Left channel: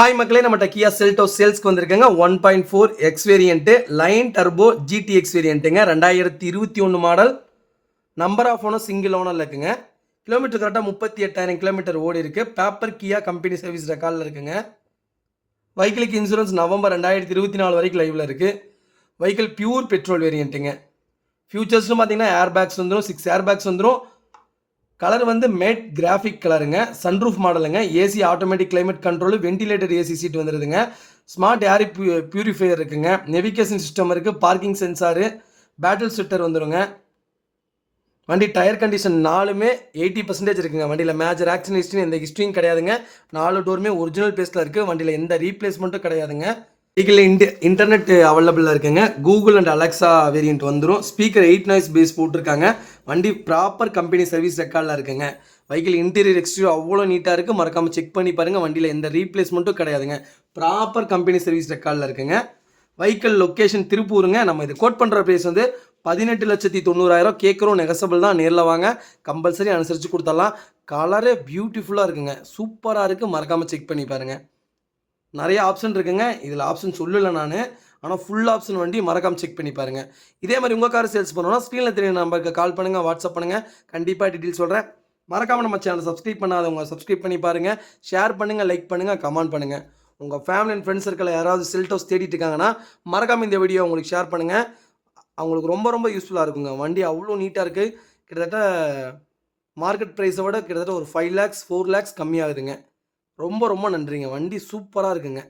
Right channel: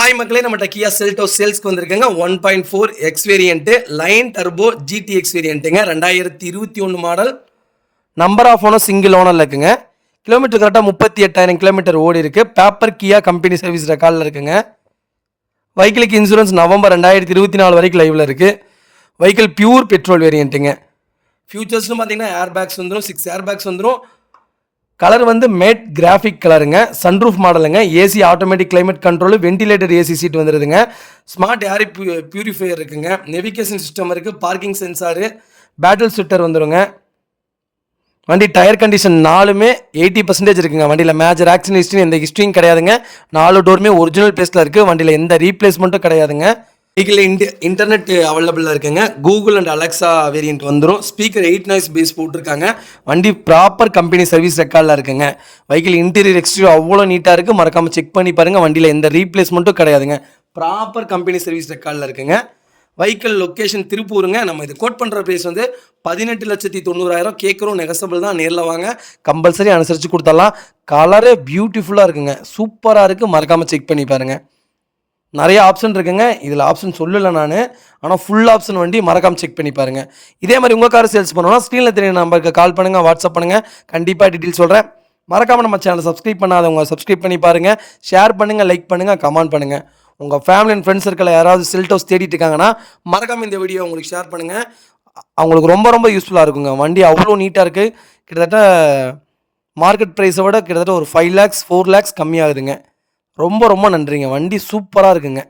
Hi மக்களே, நம்ம Kia Seltos சேல்ஸ்க்கு வந்திருக்கேங்க. 1.4 X variant line turbo GT X வேரியன்ட்டுங்க. 2021 model. Number of owner single ஓனரில் இருக்குங்க. கிலோமீட்டர் கரெக்டாக 38,000 கிலோமீட்டர் ஓடி இருக்குது. பேப்பர் கியா கம்பெனி சர்வீஸ் ரெக்கார்டில் இருக்குங்க. வெஹிக்கிளுக்கு இன்சூரன்ஸ் நவம்பர் 2024 வரைக்கும் லைவில் இருக்குது. வெஹிக்கிள் பியூர் பெட்ரோல் வேரியன்ட்டுங்க. ஃபியூச்சர்ஸ்னு பார்த்தீங்கன்னா ஏர் பேக்ஸ் வந்துடும், 6 ஏர் பேக்ஸ் வந்துடும். கலர் வந்து மேட் கிராஃபிக் கலருங்க. சன்ரூஃப் மாடலுங்க. AC automatic climate control, ventilator AC seat வந்துடுதுங்க. ஸ்மார்ட் ஏர் பியூரிஃபையர் இருக்குங்க. நெவிகேஷன் சிஸ்டம் இருக்குது. பார்க்கிங் சென்சாரு, பேட்டில் சிட்டர் வந்துடுங்க. வண்டி டயர் கண்டிஷன் 4மே 80% இருக்குங்க. வண்டியில் மேஜர் ஆக்சிடென்ட் ஹிஸ்ட்ரி எந்த ஹிஸ்ட்ரியும் கிடையாதுங்க. 4 டோருமே ஒரிஜினல் பேஸில் இருக்குது. வண்டியில் எந்த ரீப்ளேஸ்மெண்ட்டும் கிடையாதுங்க. வெஹிக்கிள் இன்டர்நெட் அவைலபிளாக இருக்குங்க. கூகுள் அண்ட் அலெக்ஸா வேரியன்ட் வந்துடும். ஸ்பீக்கர் 8 நாய்ஸ் பேஸ் போட்டிருக்காங்க. வண்டி ப்ராப்பர் கம்பெனி சர்வீஸ் ரெக்கார்டில் இருக்குங்க. வெஹிக்கிள் இன்டீரியர் எக்ஸ்டீரியர் அவ்வளோ நீட்டாக இருக்குது. மறக்காமல் செக் பண்ணி பாருங்கள். வண்டியில் எந்த ரீப்ளேஸ்மெண்ட்டும் கிடையாதுங்க. ப்ராப்பர் கம்பெனி சர்வீஸ் ரெக்கார்டில் இருக்குங்க. வெஹிக்கிள் லொக்கேஷன் திருப்பூருங்க. நம்ம இது கோட் பண்ணுற ப்ரைஸ் வந்து 18,90,000 கேட்குறோம். நெகசபிள் தான். நேரில் வாங்க, கம்பல்சரி அனுசரித்து கொடுத்துடலாம். கலரே பியூட்டிஃபுல்லாக இருக்குங்க. சூப்பராக இருக்குது. மறக்காமல் செக் பண்ணி பாருங்கள். நிறைய ஆப்ஷன் இருக்குங்க. இதில் ஆப்ஷன் சொல்லலை நான், ஆனால் ஃபுல் ஆப்ஷன் வண்டி மறக்காமல் செக் பண்ணி பாருங்கள். இதே மாதிரி உங்கள் கார் சேல்ஸ் பண்ணணும்னா ஸ்க்ரீனில் தெரிய நம்பருக்கு கால் பண்ணுங்கள், வாட்ஸ்அப் பண்ணுங்கள். கண்டிப்பாக டீட்டெயில் சொல்கிறேன். மறக்காமல் நம்ம சேனலை சப்ஸ்கிரைப் பண்ணாதவங்க சப்ஸ்கிரைப் பண்ணி பாருங்கள். ஷேர் பண்ணுங்கள், லைக் பண்ணுங்கள், கமெண்ட் பண்ணுங்கள். உங்கள் ஃபேமிலி அண்ட் ஃப்ரெண்ட்ஸ் சர்க்கிளில் யாராவது செல்டோஸ் தேடிட்டு இருக்காங்கன்னா மறக்காமல் இந்த வீடியோ உங்களுக்கு ஷேர் பண்ணுங்கள். அவங்களுக்கு ரொம்ப ரொம்ப யூஸ்ஃபுல்லாக இருக்குங்க. வண்டி அவ்வளோ நீட்டாக இருக்குது. கிட்டத்தட்ட மார்க்கெட் ப்ரைஸை விட கிட்டத்தட்ட ஒரு 5 lakhs 4 lakhs கம்மியாகுதுங்க. ரொம்ப ரொம்ப நன்றிங்க. வண்டி சூப்பராக இருக்குங்க.